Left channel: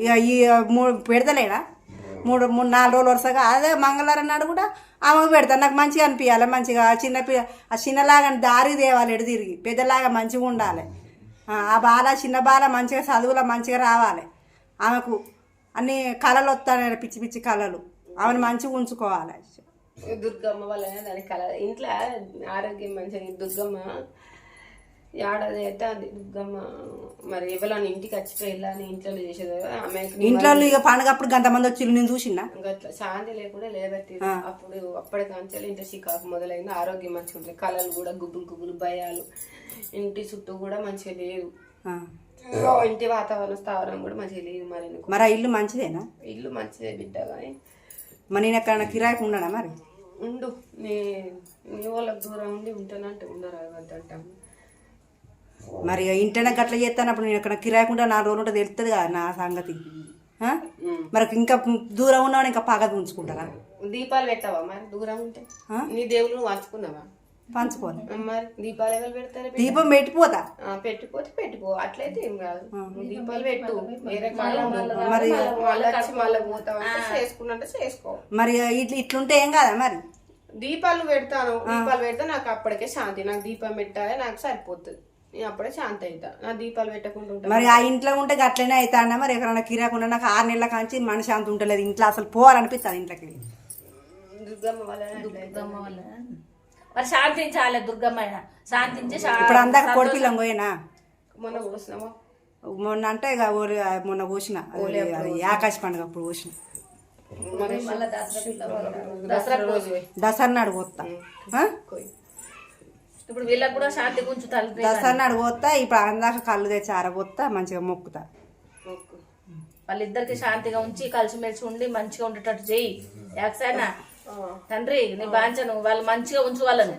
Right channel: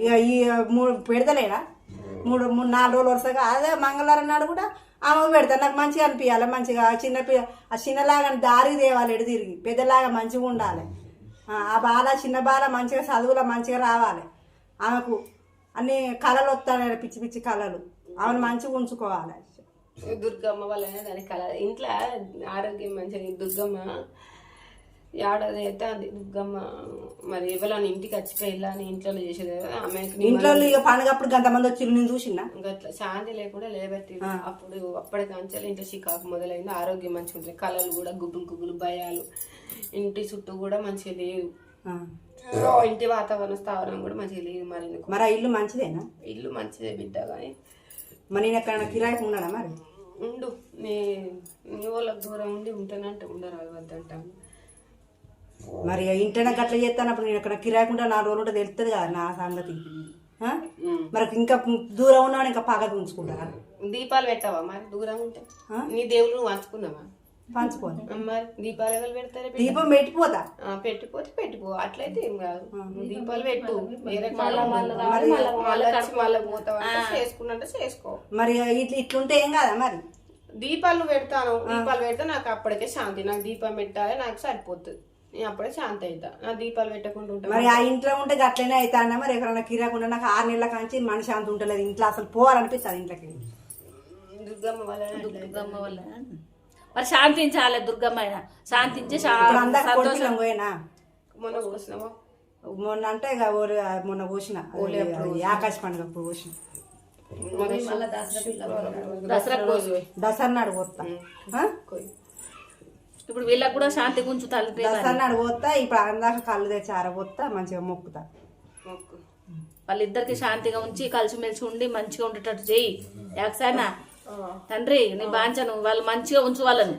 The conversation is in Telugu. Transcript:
ఇక ఈ మూడు పెడతలేడా మూడు మూడు నాలుగు రోజులు వరుసగా అదే మంగళవారం నాడు కూడా ఆమెకు పెడతాను నాకు మంచిగా అనిపించాలి మంచిగా ఆ చిన్న పి- ఆ చిన్నలాగా దారి తేవాలి ఎడు తిరిగి. పెద్దలాగా మంచిగా ఉండాలి. ఆ, బాల చిన్న బాల మంచిగా చదువులో మంచిగా రావాలి. ఆమెకు అన్ని కళలు వస్తాయి పిచ్చి పిచ్చి కళలు. ఆమెను మంచిగా ఉంచుకోవాలి. దుర్గమ్మ వాళ్ళ దాని కళ ఇంట్లో ఆరోగ్యం మంచిగా దుర్గమ్మ ఏడాది అయితే అది దుర్గమ్మ మరి ఎవరైనా ఇంటికి వచ్చిపోయి అని ఇంట్లో చేసేది ఆమెకి ఇంట్లో ఇక పండుగప్పుడు గంతమంది వచ్చి నేను చూసినా గట్ల శాంతి లేకుండా లేబట్టి అప్పుడు అప్పటి కాంచాలి ఇంట్లో చికాకు మొదలైంది ఆరోగ్యం మంచిగా ఉంటుంది కళలు కూడా గుగ్గులు గుగ్గులు భయాలు. ఇంటి చుట్టూ కూడా మంచిగా లేదు. ఆ. ఇంటి వాతావరణ స్థావరం కూడా మంచిగా లేదు మరి మరి ఇల్లు మంచిదేనా? ఇల్లు మంచిదే బిడ్డ కానీ మరి నేను ఎక్కడ కిరాయికి ఉన్నాడా మరి? ఉండు నీ వాళ్ళకి దూరం ఉండి ఉంటానంటే ఉండరు వద్దంటాను మరి ఇంటనే గట్ల చేస్తానప్పుడు నేను ఎక్కడ కిరాయకుండా నాలుగు రోజులు ఉంటే తెలుస్తుంది కదా నా సంగతి? మరి ఇంకా దూరం ఉన్నాడు ఇంకా పగ ఉంచుకుంటారా? దీపాలు పెట్టావా మరి దూరం ఉంటే? నీ దేవుళ్ళు నువ్వు వంచుకున్నావా పంచుకోని. మరి దీపాలు ఎవరు పెడతారు? దీపం పెట్టిపోతా. ఆ, పెట్టిపోతే పెట్టుకో అట్లయితే ఏం కాదు. దీపాలు పెట్టు. మరి మళ్ళీ వచ్చి మళ్ళీ పోతావంటే చేసుకున్నంటే చేసుకో. మరి ఇట్లా ఇట్లుంటే ఏం కాదా మరి? దీపాలు పెడతాను దీపాలు పెడితే నాకు అప్పటికే శాంతి. నాకు దీపం పెట్టాలి నాకు సరిపోతుంది నేను అప్పుడే శాంతి అవుతా నా దీపాలు పెట్టకుండా ఉంటా. మరి ఆ ఇంట్లో ఉంటే గట్లనే అవుతాడా మరి? ఎక్కడైనా కిరాకుండా నాకు ఆరు నెలల కాంచి మనసు అంత ఉంటలేదు. ఇంట్లో అసలు పోవాలనిపిస్తుంది ఇంట్లోకి. దుర్గమ్మ వల్ల దుర్గమ్మ వల్ల మరి శాంతించాలి దుర్గమ్మ అయినా శాంతించి అందరు కొడుకులం పోయినా? మొన్న పోసినామా మొన్న అంటే ఇక ఓలి మొన్న పోసిన ఆకాశ పండుగ అప్పుడు పోసిన మళ్ళా దసరా నాడు పోతా. ఇప్పుడు వీళ్ళకి కూడా శాంతి గుంచుతారు దసరా నాడు పోతా ఇప్పుడు అందాక కళ్ళు తెచ్చి ఆరబోతా మంచిగా మొక్కుతా. మొక్కు. వాళ్ళిద్దరికి శాంతిగా ఉంచి కలిసిమెలిసి ఉండి మంచిగా ఉండేటట్టు చెయ్యి యాక్సైనా. తండ్రి నీ బాంచను. వాళ్ళు మంచిగా ఉంచు వాళ్ళని.